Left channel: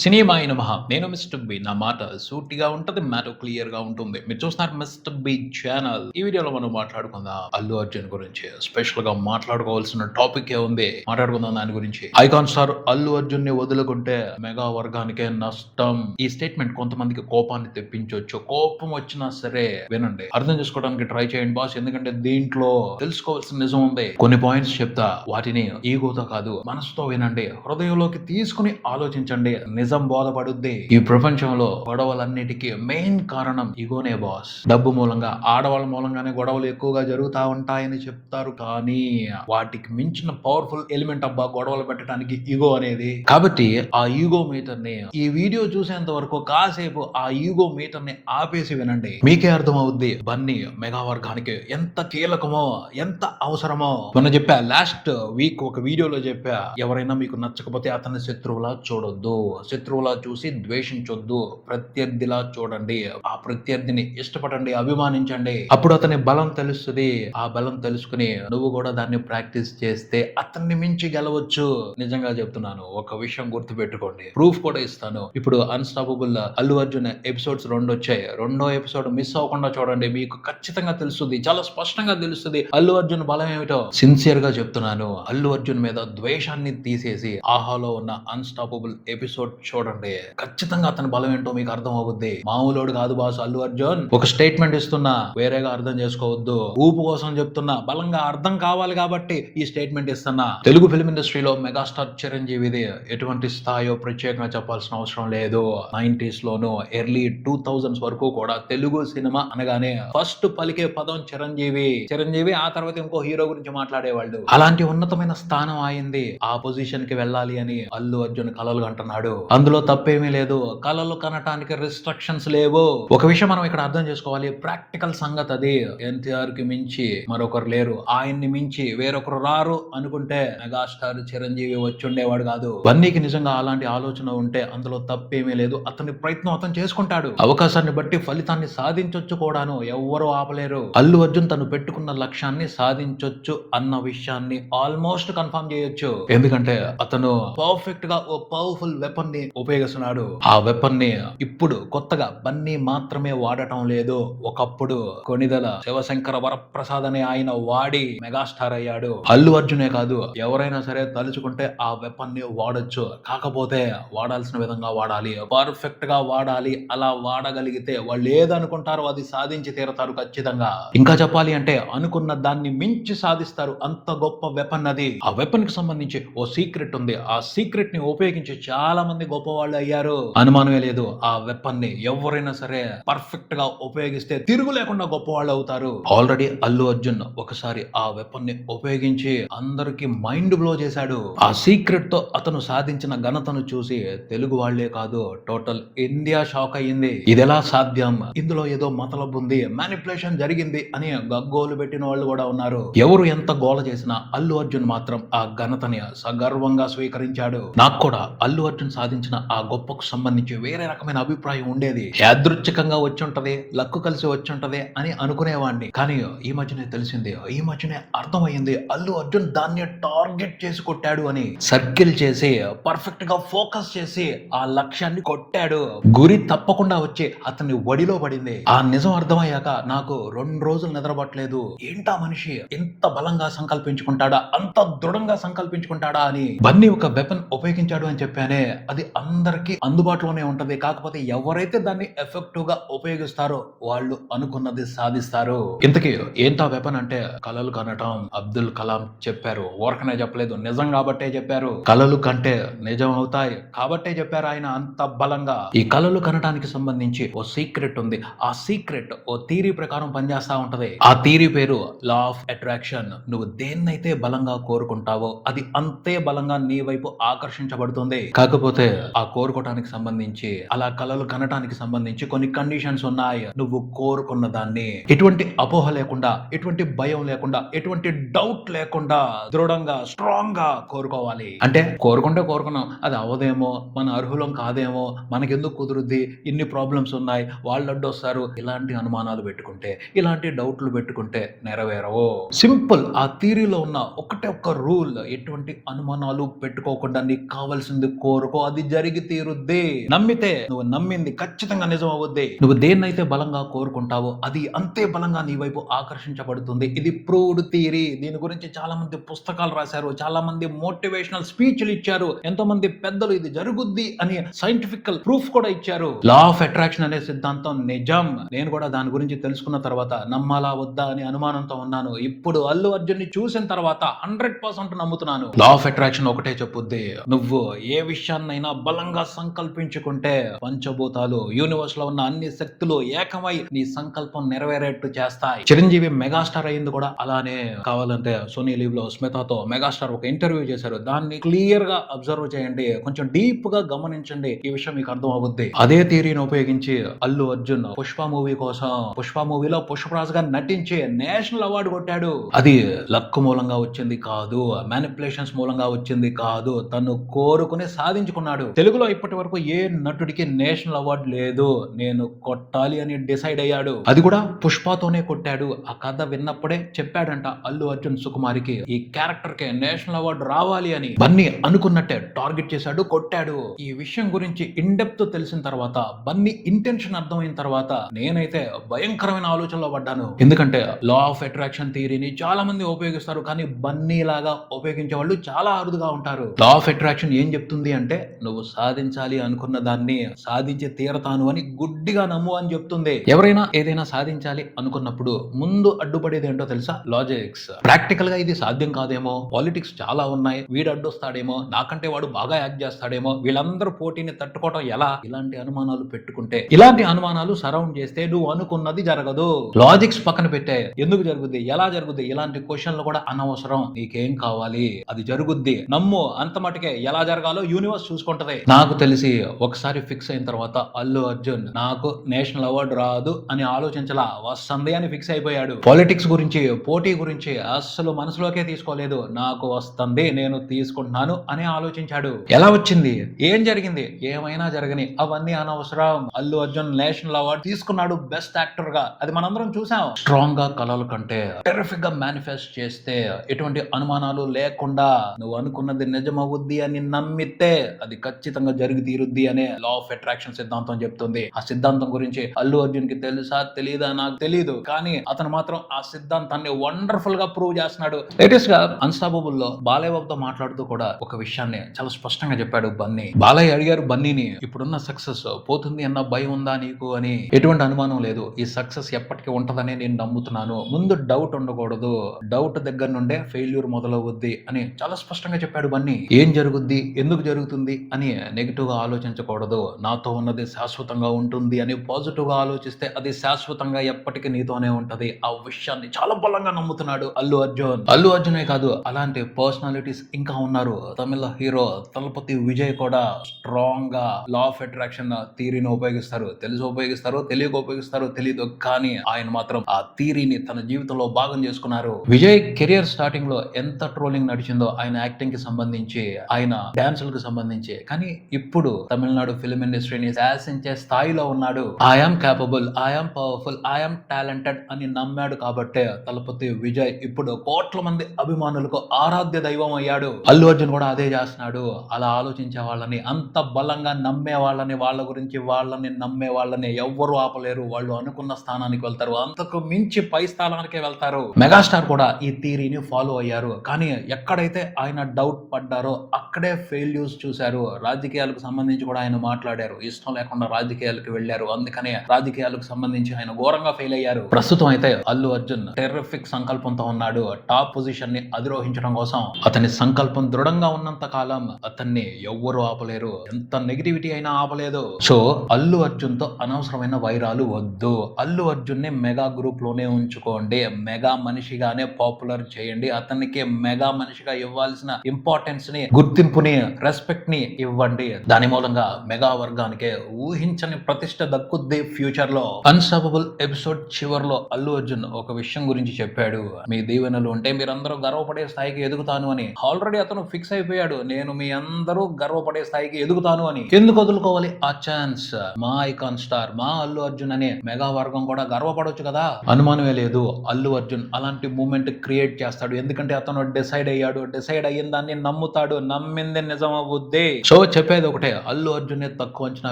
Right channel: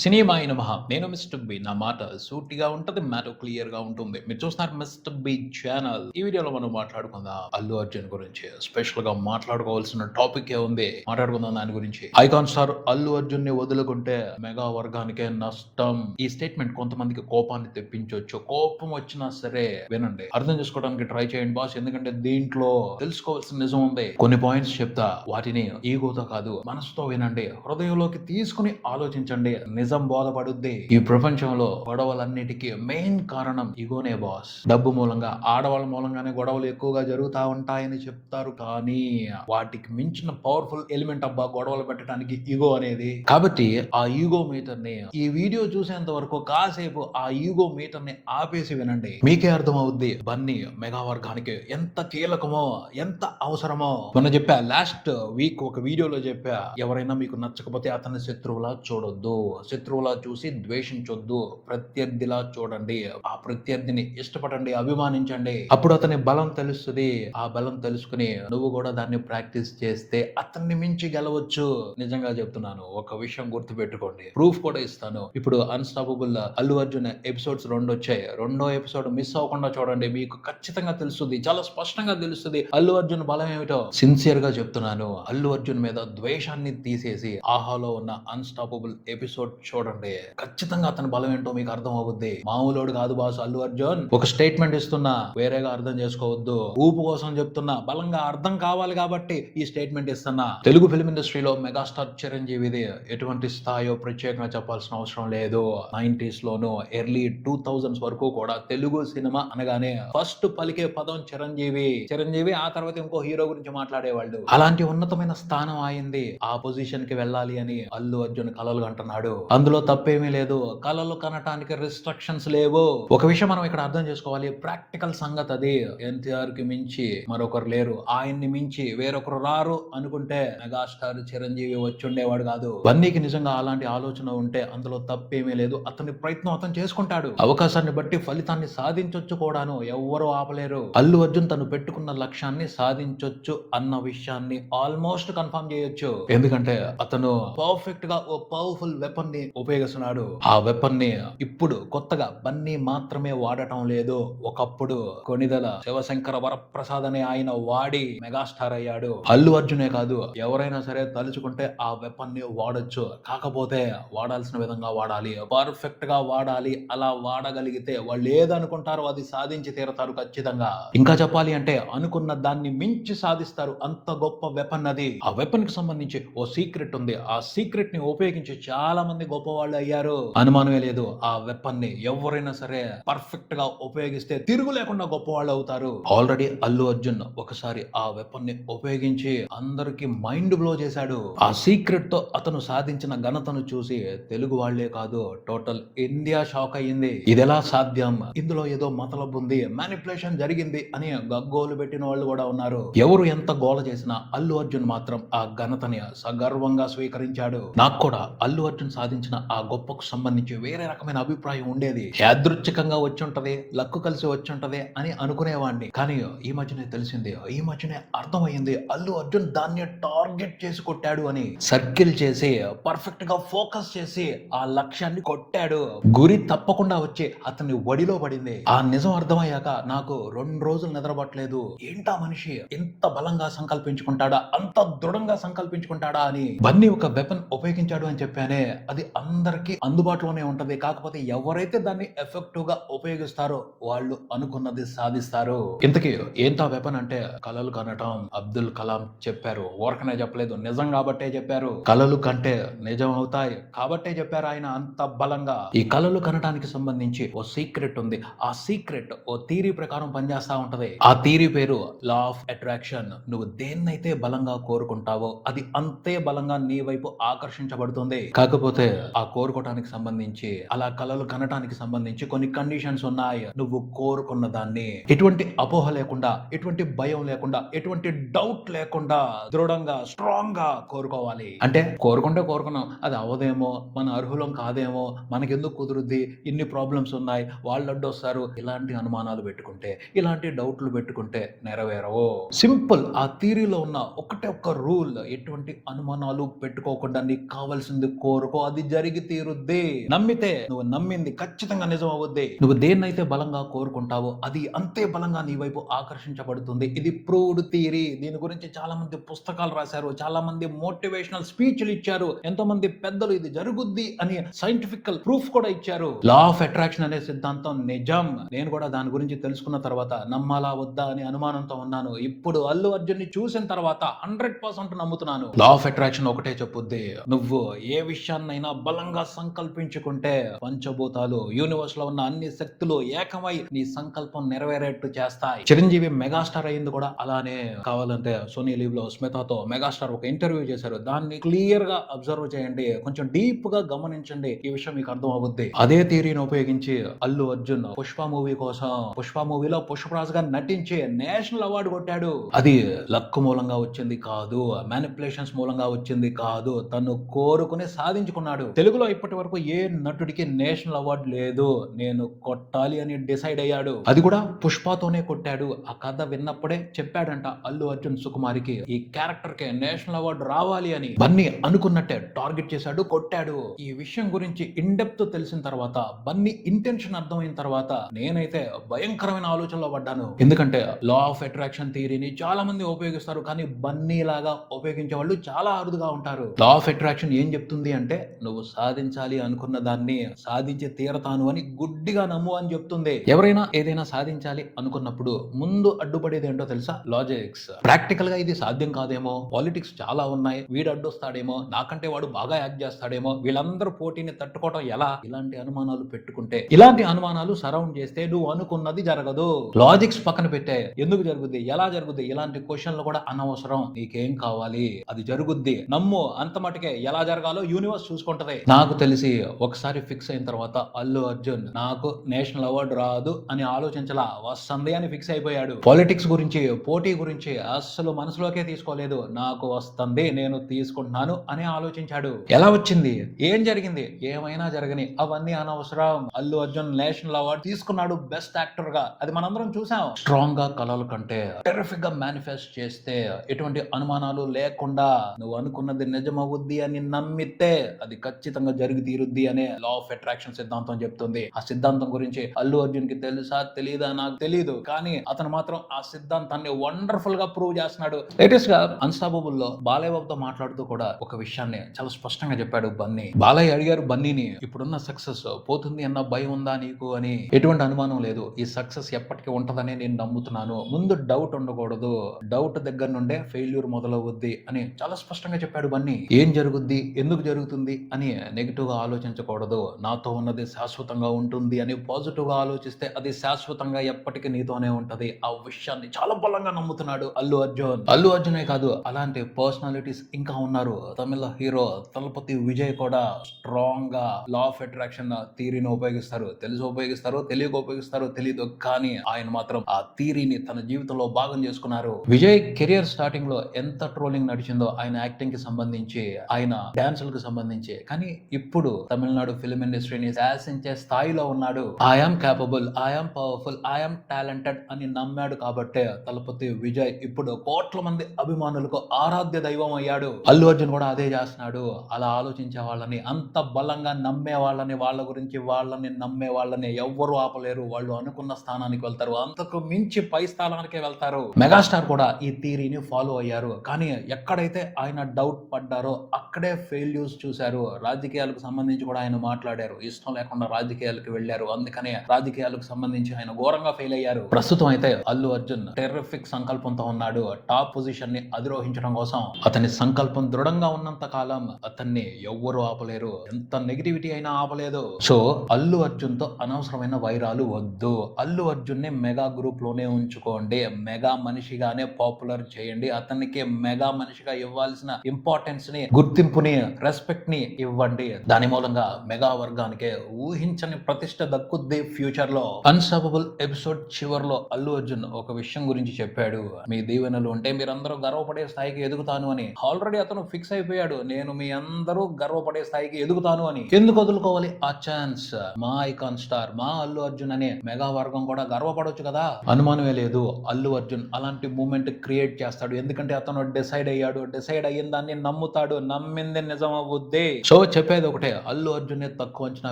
Cinema అయిన మహా నేను మిస్టర్ బి. నా మాట సూటిగా ఉంటది మ్యాటర్ క్లియర్గా ఉంటుంది. మీరు చూస్తున్నారు మిస్టర్ బి ఛానల్. ఈ వీడియోలో మనం మాట్లాడుకుందాం అల్లు అర్జున్ గురించి. స్పెషల్గా మాట్లాడుకోవాల్సిన టాపిక్ ఏ ఉంది? మాట్లాడుకుందాం దాని గురించి. ఐకాన్ స్టార్ అల్లు అర్జున్ని వదులుకుంటే మెగా వర్గానికే నష్టం. ఈ స్టేట్మెంట్ కొంతమందికి కోపాన్ని తెప్పించవచ్చు కోపం వచ్చినా సరే వినండి. అర్థం చేసుకోవడానికి ట్రై చేయండి బాస్. ఎందుకంటే దీంట్లో తెలుసుకోవాల్సిన నిజం ఉంది. కొన్ని పాయింట్స్ చెప్తా. వాటిని ఈగోతో కాదు మనసుతో వినండి. హృదయంలోకి తీసుకుని ఆలోచించండి. నిజం బోధపడుద్ది. ఈ ప్రపంచంలో గొడవలన్నిటికీ మెయిన్ కారణం ఇగోనే బాస్. డబ్బు మూలంగా ఆడవాళ్ళ మూలంగానే గొడవలు ఎక్కువగా జరుగుతా ఉంటాయని చెప్తారు కానీ వాటికి మించిన పవర్ఫుల్ ఎలిమెంట్ అబ్బా గొడవలు పెట్టడానికి ఈగో అనేది. కాబట్టి ఆ ఈగో మీటర్ని ఈ వీడియో చూసేంత వరకు కాసేపు ఆ ఈగో మీటర్ని ఆపేసి వినండి. మీకే అర్థం అవుద్ది బన్నీ మెగా వర్గానికి ఎంత కీలకమో ఎంత అవసరమో. మొన్న చెప్పా లాస్ట్ వీక్ ఒక వీడియోలో చెప్పా ఎవరైనా మీకు నచ్చకపోతే అతని శత్రువులా చూడొద్దు. శత్రువులా చూసి ద్వేషించొద్దు. ప్రత్యర్థిలా చూడండి. ఆ ప్రత్యర్థిని ఇష్టపడండి అభిమానించండి. అప్పుడు అతని బలం తెలుస్తుంది. ఆ బలం తెలుసుకుని నువ్వు కూడా దాన్ని ప్రాక్టీస్ చేస్తే అతన్ని మించి గెలవచ్చు. నిజంగా చెప్తున్నాను. ఒక విషయం గుర్తు పెట్టుకోండి ప్రూఫ్ కూడా ఇస్తాను. ఇప్పుడు అన్స్టాపబుల్ అల్లు అర్జున్ ఎపిసోడ్స్ రెండు వచ్చాయి. రెండో ఎపిసోడ్ మిస్ అవ్వకుండా చూడండి. మీకు ఖచ్చితంగా తెలుస్తుంది. చాలా స్పష్టంగా తెలుస్తుంది అల్లు అర్జున్ బలం ఏమిటో. సిన్సియర్గా చెప్తున్నాను. అల్లు అర్జున్ మీద ద్వేషాన్ని తీసేసి ఆహాలో ఉన్న అన్స్టాపబుల్ ఎపిసోడ్ చూడండి. ఖచ్చితంగా అతని బలం ఏంటో మీకు అర్థం అవుద్ది. మామూలోడు కాదు బాస్ అల్లు అర్జున్. ఒక స్టేట్మెంట్ ఇస్తున్నా వేరేగా అర్థం చేసుకోవద్దు. ఊపు కోసం చెప్తున్నా బలంగా అర్థం కావాలి కాబట్టి ఈ స్టేట్మెంట్ ఇస్తున్నా. తెలుగు ఫిల్మ్ ఇండస్ట్రీలో మెగాస్టార్ చిరంజీవిది ఎటువంటి స్థాయో ప్రత్యేకంగా చెప్పాల్సిన అవసరం లేదు. నైన్టీస్ లోను ఎర్లీ టూ థౌజండ్స్ వరకు కూడా తెలుగు సినిమా అనగానే ఫస్ట్ పలికే పదం చిరంజీవి. చిరంజీవి ఆ తర్వాత ఇంకో హీరో గురించి మాట్లాడేవాళ్ళు. అలాంటి ఉన్నతమైన స్థానం అయింది ఆ పొజిషన్కి వెళ్ళాలి అని అల్లు అర్జున్ కలలు అంటున్నాడు అందులో తప్పేమీ లేదు. కళలు కనటానికి రిస్ట్రిక్షన్స్ లేవు. ఒక విషయం మనం ఇక్కడ అర్థం చేసుకోవాలి. ప్రాక్టికల్ సంగతి అది. ఎన్టీఆర్కి మించి మరొకరు లేరు. ఆయన్ని మించి వేరొకరు రారు అనుకుంటే మెగాస్టార్ చిరంజీవి వచ్చి ఉండేవాడు కాదు. బన్నీకి నిజంగా అలాంటి ఆలోచన ఉంటే అందులో తప్పేమీ లేదు. అతని ప్రయత్నం అతను చేసుకుంటాడు. అవకాశాన్ని బట్టి ఫలితాన్ని సాధించొచ్చు కూడాను. ఎవ్వరూ ఆపలేరు. అల్లు అర్జున్ తను పెట్టుకున్న లక్ష్యాన్ని సాధించొచ్చు అన్న విషయాన్ని ఆల్మోస్ట్ కన్ఫర్మ్ చేయొచ్చు. ఎందుకంటే అతను పర్ఫెక్ట్గా ఓ పవర్ఫుల్ వెపన్ని ఉపయోగిస్తున్నాడు. ఆ వెపన్ని ఇప్పుడు కొత్తగా బన్నీ మాత్రమే వాడటం లేదు. ఒకప్పుడు కొనిదల శివశంకర వరప్రసాద్ అనే ఆయన వాడి మెగాస్టార్ అయ్యాడు. అల్లు అర్జునే కాదు ఎవరైనా సరే తలుచుకుంటే ఆ వెపన్ని వాడొచ్చు. కాకపోతే వాడాల్సిన విధంగా వాడాలి. పర్ఫెక్ట్గా వాడాలి. అలా వాడగలిగితే వాళ్ళు ఏదనుకుంటారో అది సాధించి తీరతారు ఖచ్చితంగా. ఇంకా చెప్పాలి అంటే అనుకున్న దాన్ని మించి సాధిస్తారు. అంత గొప్ప వెపన్ అది. ఆ వెపన్కి సంబంధించి ఓ సీక్రెట్ ఉంది. ఆ సీక్రెట్ని ఉపయోగించి చాలా మంది గొప్ప వాళ్ళు అయ్యారు అనుమానమే లేదు. ఆ వెపన్ని ఎవరైనా సరే పర్ఫెక్ట్గా ఉపయోగిస్తే తిరుగు లేకుండా గొప్ప వాళ్ళు అవుతారు ఆల్రెడీ అల్లు అర్జున్ ఒకసారి ఆ వెపన్ని ఉపయోగించి అందరికి మైండ్ బ్లో చేశాడు. ఆ సీక్రెట్తో అతను సాధించిన ఘనతను చూసి తెలుగు వాళ్ళే కాదు టోటల్ ఇండియా షాక్ అయ్యింది. ఇది ఎలా సాధ్యం? ఇందులో ఏదో మతలబు ఉంది మ్యానిపులేషన్ జరిగింది అని గగ్గోలు పెట్టిన వాళ్ళు కూడా ఉన్నారు. ఎవరు ఎంత గోల చేసినా అల్లు అర్జున్ మాత్రం ఆ ఘనతని సగర్వంగా స్వీకరించాడు. నాకు కూడా అల్లు అర్జున్ సాధించిన ఆ గొప్పకు సంబంధించి వేరే రకమైన అభిప్రాయం ఉండేది. యాదృచ్ఛికంగా వచ్చి ఉంటది లక్కు కలిసి వచ్చి ఉంటది అని అనుకునేవాడిని కానీ ఈ మధ్యనే తెలిసింది ఈ మధ్యనే అర్థమైంది అల్లు అర్జున్ దాన్ని టార్గెట్ చేసి కొట్టాడు అని. సర్కిల్ చేసి పర్ఫెక్ట్గా ఫోకస్ చేసి ఆ లక్ష్యాన్ని కొట్టాడు. గురి తప్పకుండా వచ్చి అతని ఒడిలో పడింది. ఆ నిజం అర్థమయ్యాక నాకు రెండు రోజులు నిద్రపట్టలేదు. ఏంటా మనిషి ఎంత బలంగా సంకల్పించుకుంటాడా అంత దృఢంగా సంకల్పించుకుంటాడా అని. బన్నీ ఒక వెపన్ ఉపయోగించాడు అని చెప్పానే అది అందరికీ అందుబాటులోనే ఉంటుంది. కాకపోతే ఎవరైతే దాన్ని ఎఫెక్టివ్గా ఉపయోగిస్తారో వాళ్ళు అనుకున్నది సాధిస్తారు. ఇంతకీ ఏంటా వెపన్ అంటే కలలు కనటం అబ్దుల్ కలాం చెప్పారు. ఓరకనే చెప్పలేదు. నిజం కాబట్టే చెప్పారు. కలలు కంటే నిజం అవుతాయి కాబట్టే చెప్పారు ఆయన అంత బలంగా. ఈ కలలు కనటానికి సంబంధించి ఓ సీక్రెట్ ఉంది. ఆ సీక్రెట్ ఓ థీరీ ప్రకారం పనిచేస్తా ఉంటది. ఆ థీరీ పేరు లా ఆఫ్ అట్రాక్షన్ నువ్వు దేన్నైతే బలంగా కోరుకుంటావో అది అంతే బలంగా నీ వైపు ఆకర్షించబడుతుంది. కాకపోతే ఆ కోరుకోవటానికి సంబంధించి అలా కళలు కనటానికి సంబంధించి కొన్ని కండిషన్స్ ఉన్నాయి. నువ్వు కోరుకున్న దాన్ని ఎటువంటి అపోహ లేకుండా ఎటువంటి భయం లేకుండా ఎటువంటి డౌట్ లేకుండా దృఢంగా స్ట్రాంగ్గా కోరుకోవాలి. అంటే కోరుకుంటే కోరుకున్నాం అది అవదేమో మన అర్హులం కాదేమో మనకెందుకు కుదురుద్ది ఇన్ని ప్రాబ్లమ్స్ ఉన్నాయి వాళ్ళు అడ్డొస్తారు ఇలాంటి అనుమానాలు పెట్టుకుంటే ఇలాంటి డౌట్లు పెట్టుకుంటే నెరవేరవు. సింపుల్ ఆ థీరీలో ఉన్న ఒకటే ఒక్క రూల్ ఎటువంటి అనుమానాలు పెట్టుకోకుండా నీకు కావాల్సింది కోరుకో అది జరిగి తీరుద్ది నమ్మితే నువ్వు నమ్మింది ఖచ్చితంగా నిజం అవుద్ది నువ్వు దేన్నైతే బలంగా కోరుకుంటావో అది అంతే బలంగా నీ వైపు ఆకర్షించబడుతుంది. ఇది ప్రూవ్డ్ థియరీ. దీని గురించి చాలా మంది పుస్తకాలు రాశారు. చాలా మంది మోటివేషనల్ స్పీచ్లు ఇచ్చారు. ఎంతో మంది పెద్దలు ఇది జరుగుద్ది అని సైంటిఫికల్ ప్రూఫ్ కూడా ఇచ్చారు. లా ఆఫ్ అట్రాక్షన్ అనే సిద్ధాంతం నిజం. నేను కూడా దాని గురించి తెలుసుకున్న తర్వాత నమ్మాలా వద్దా అని అనుమానంతో ఉన్నాను. ఇప్పుడు అల్లు అర్జున్ని చూసిన తర్వాత హండ్రెడ్ పర్సెంట్ నమ్ముతున్నాను. లా ఆఫ్ అట్రాక్షన్ ఒకటే చెప్పుద్ది. నువ్వు ఏ విషయాన్నైనా బలంగా సంకల్పించుకుంటే పంచభూతాలు యూనివర్స్లో ఉన్న అన్ని శక్తులు ఏకమై నీ సంకల్పం నెరవేరేట్టు చేస్తాయి. చిరంజీవి మెగాస్టార్ అయింది కూడా అలానే కావాలంటే సోనీ లీవ్లో స్మితతో మెగాస్టార్ ఒక ఇంటర్వ్యూ చేశారు. దాన్ని క్లియర్గా అబ్జర్వ్ చేయండి కొంచెం డీప్గా గమనించండి. ఈ విషయం మీకు అర్థం అవుద్ది. అదే థియరీని ఉపయోగించి అల్లు అర్జున్ పుష్ప మూవీ కోసం పుష్ప మూవీలో పుష్పరాజ్గా నటించి నేషనల్ అవార్డు కొట్టాడు. అది లక్ మూలంగా వచ్చింది కాదు మ్యానిపులేషన్స్ మూలంగా వచ్చింది కాదు తను కోరుకుని సాధించుకున్నాడు. తెలుగులో ఇప్పటి వరకు ఏ నటుడికి నేషనల్ అవార్డు లేదు. నేను కొట్టాలి అని డిసైడ్ అయ్యాడు. అది కూడా పుష్పతోనే కొట్టాడు. ఆ కథ విన్నప్పుడే చెప్పాడంట అల్లు అర్జున్ సుకుమారికి ఈ క్యారెక్టర్కి నేషనల్ అవార్డు రావాలి అని. బన్నీ అనుకున్నట్టే టార్గెట్ చేశాడు కొట్టాడు. ఈ విషయం గురించి ఇన్ డెప్త్ తెలిసిన తర్వాత బన్నీ ఇంటెన్షన్ అర్థమైన తర్వాత నేనైతే భయంకరమైన ఆలోచనలో పడ్డాను. ఎందుకంటే లా ఆఫ్ అట్రాక్షన్ థియరీని చాలా మంది ఉపయోగిస్తారు కానీ బన్నీ లాగా ఉపయోగించే వాళ్ళు చాలా అరుదుగా ఉంటారు. లా ఆఫ్ అట్రాక్షన్ ఏం చెప్తుంది అంటే నువ్వు సాధించాలి అనుకున్న దాన్ని సాధించి తీరతాను అని గుడ్డిగా నమ్ము అని చెప్తుంది. ఎవరైనా ఏదైనా సాధించాలి అనుకున్నప్పుడు ముందు అడ్డుపడేది ఏంటో తెలుసా? లాజిక్స్ ప్రాక్టికల్గా ఇది సాధ్యం కాదేమో? పాలిటిక్స్ చాలా ఉన్నాయి. వీడు అడ్డొస్తాడేమో? నాకంటే వాడు బాగా యాక్ట్ చేస్తాడేమో? వీళ్ళందరూ పోటీని తట్టుకోవడం ఎలా? ఇలాంటి అనుమానాలు పెట్టుకుంటే ఇలాంటి అనుమానాలు సరౌండ్ చేస్తే నువ్వు అనుకున్నది జరగదు. లాజిక్స్ పక్కన పెట్టే ఎందుకు జరుగుద్ది? ఎలా జరుగుద్ది? ఇలాంటి క్వశ్చన్లు కూడా అనవసరం. నీకేం కావాలి? అది జరుగుద్ది. నమ్ము. అంత మటుకే ఎలా జరగాలో యూనివర్స్ చూసుకుంటది. నాకు తెలిసి ఒకసారి ఫిక్స్ అయిన తర్వాత అల్లు అర్జున్ నాకు నేషనల్ అవార్డు రాదు అని ఆలోచించలా. వస్తుంది అని ఫిక్స్ అయిపోయాడు. పాలిటిక్స్ గురించి పోటీ గురించి అస్సలు మనసులోకే తీసుకోలేదు. నాకు వస్తుంది నేను తీసుకుంటున్నాను అని ఆలోచించాడు. ఎలా వచ్చింది? ఏం జరిగింది? ఏమైనా జరగని అవన్నీ అనవసరం. అల్లు అర్జున్ నేషనల్ అవార్డు తీసుకున్నాడు బెస్ట్ యాక్టర్గా అది మనందరం చూసాం. స్ట్రాంగ్గా కలలు కంటే టెరిఫిక్గా మేనిఫెస్ట్ చేస్తే ఎటువంటి అనుమానాలు లేకుండా నువ్వు అనుకున్నది నిజమవుద్ది అని నమ్మితే అది ఖచ్చితంగా ఖచ్చితంగా జరిగి తీరుద్ది అనే లా ఆఫ్ అట్రాక్షన్ సిద్ధాంతం చెప్తుంది. ఆ సిద్ధాంతం గురించి అల్లు అర్జున్కి తెలుసా తెలీదా? నాకు తెలియదు కానీ అతను మాత్రం ఆ సిద్ధాంతాన్ని వండర్ఫుల్గా ప్రూవ్ చేస్తున్నాడు. లేటెస్ట్గా అన్స్టాబుల్లో బాలయ్యబాబుతో మాట్లాడుతూ కూడా ఒక విషయాన్ని చాలా స్పష్టంగా చెప్పాడు బన్నీ. బాలయ్య అడిగారు బన్నీని ఇప్పుడున్న సక్సెస్ పోతుంది అన్న భయం ఉందా నీకు? అని. ఎటువంటి అనుమానం లేదు. ఈ సక్సెస్ ఎప్పటికీ ఉంటదని నేను నమ్ముతున్నాను. ముందు డౌట్ ఉండకూడదు. డౌట్ దగ్గర నుండే ఫెయిల్యూర్ మొదలవుద్ది అని చాలా స్పష్టంగా చెప్పాడు బన్నీ. ఏం జరుగుద్ది? ఎందుకు జరుగుతుంది? అని నెగిటివ్గా ఆలోచించకూడదు. నాతో ఉన్నది శాశ్వతంగా ఉంటుంది అని పాజిటివ్గా ఆలోచిస్తే అది శాశ్వతంగా ఎప్పటికీ నీతోనే ఉంటుంది. ఆ విషయాన్ని చాలా బలంగా నమ్ముతున్నాడు అల్లు అర్జున్. అల్లు అర్జునే కాదు అలాంటి పర్సనాలిటీస్ ఇంకా ఉన్నారు. తమిళ హీరో తలపతి విజయ్ కూడా స్ట్రాంగ్గా లా ఆఫ్ అట్రాక్షన్ థీరీని ఉపయోగిస్తారు. తెలిసి ఉపయోగిస్తారు తెలియక ఉపయోగిస్తారు తెలియదు కానీ ఆయన మాత్రం ఆ థీరీని తన జీవితంలో భాగం చేసుకున్నారు. విజయ్ కెరియర్ స్టార్టింగ్లో ఎంత ట్రోలింగ్ నడిచిందో ఆయన యాక్టింగ్కి సంబంధించి ఆయన డాన్సులకు సంబంధించి కానీ ఇప్పుడు తమిళనాడు ఫిల్మ్ ఇండస్ట్రీని శాసించే స్థాయిలో ఉన్నాడు. I'm capable I'm powerful I'm talented అని నమ్మాడు కాబట్టే తలపతి విజయ్ ఇప్పుడు కోట్ల మంది అభిమానులకు ఆరాధ్య దైవం అయ్యాడు. అల్లు అర్జున్ కూడా అదే చేస్తున్నాడు. అలా ఆలోచించే వాళ్ళని అంత బలంగా నమ్మే వాళ్ళని వాళ్ళ గురించి వాళ్ళని నమ్మే వాళ్ళని ఎవ్వరు ఆపలేరు. వాళ్ళు అనుకున్న స్థానానికి వెళ్తారు. అంతకు మించి పై స్థానానికే వెళ్తారు. మెగాస్టార్ కూడా ఈ థీరీని ఫాలో అయ్యారు. కానీ ఎక్కడైతే ఆయన డౌట్ పడ్డారో అక్కడే ఫెయిల్యూర్స్ చూశారు. రాజకీయాలకు సంబంధించి కూడా ఆయన మాట్లాడారు. ఇష్టం లేకుండా రాజకీయాలకు వెళ్ళారు. అందుకనే రాజకీయాలకు సంబంధించి ఆయన ఘోరంగా ఫెయిల్ అయ్యారు. ప్రస్తుతం అయితే అల్లు అర్జున్ టెర్రిఫిక్ సంకల్పంతో ఉన్నాడు. టాప్ పొజిషన్ని అధిరోహించడం కోసం అతని సంకల్పం దృఢంగా ఉన్నంత కాలం అతన్ని ఎవ్వరు ఆపలేరు. ఎంత నెగిటివిటీ అయినా ఆపలేదు. సో అల్లు అర్జున్తో అనవసరమైన వైరాలు వద్దు. అల్లు అర్జున్ని మెగా గ్రూప్లోనే ఉంచుకోండి. మెగా మనిషిగానే పాపులర్ చేయండి. అతనికి మెగా మనిషిగా ఇవ్వాల్సిన ఇంపార్టెన్స్ని గుర్తింపుని రెస్పెక్ట్ని ఇవ్వండి. దాని మూలంగా మెగా వర్గానికే ఊహించని ప్రతిష్ట దక్కుద్ది ఫ్యూచర్లో అన్స్టాపబుల్ ఎపిసోడ్ చివర్లో అల్లు అర్జున్ ఒక విషయం గురించి చెప్పాడు. మీ దీవెనలు ఉంటే మీరందరూ గర్వపడే స్థాయికి ఎదుగుతాను అని. ఆల్రెడీ అతను ఫిక్స్ అయిపోయాడు. నేను మీ అందరూ గర్వపడే స్థాయికి ఎదుగుతాను అని. ఎందుకు వదులుకోవాలి? ఆ ఛాన్స్ మా ఐకాన్ స్టార్ మా అల్లు అర్జున్ అనే మెగా వర్గం కూడా గర్వపడొచ్చు కదా? అనుమానమే లేదు. అల్లు అర్జున్ అలాంటి మూమెంట్ క్రియేట్ చేస్తాడు. ఎందుకంటే అతను డిసైడ్ అయ్యాడు. డిసైడ్ అయ్యిన దాన్ని నమ్ముతాడు. నమ్మింది నిజం అవుద్ది సో చెప్పేది ఒకటే అల్లు అర్జున్ తక్కువ అంచనా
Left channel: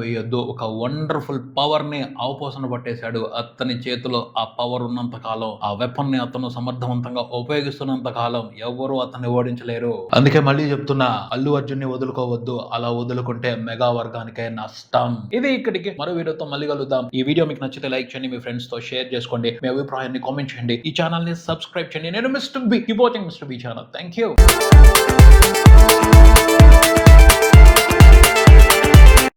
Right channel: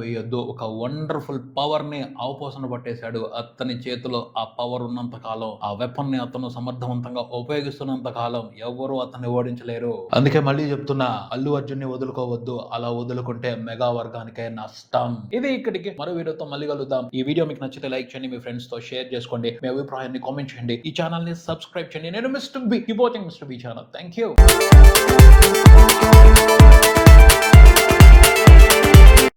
వేయొద్దు. ఒక వండర్ఫుల్ పవర్ని అవపోసన పట్టేశాడు అతని చేతిలో ఆ పవర్ ఉన్నంత కాలం ఆ వెపన్ని అతను సమర్థవంతంగా ఉపయోగిస్తున్నంత కాలం ఎవరు అతన్ని ఓడించలేరు. అందుకే మళ్ళీ చెప్తున్నా అల్లు అర్జున్ని వదులుకోవద్దు. అలా వదులుకుంటే మెగా వర్గానికే నష్టం. ఇది ఇక్కడికి మరో వీడియోతో మళ్ళీ కలుద్దాం. ఈ వీడియో మీకు నచ్చితే లైక్ చేయండి మీ ఫ్రెండ్స్తో షేర్ చేసుకోండి మీ అభిప్రాయాన్ని కామెంట్ చేయండి. ఈ ఛానల్ని సబ్స్క్రైబ్ చేయండి. నేను mister B watching mister B channel. Thank you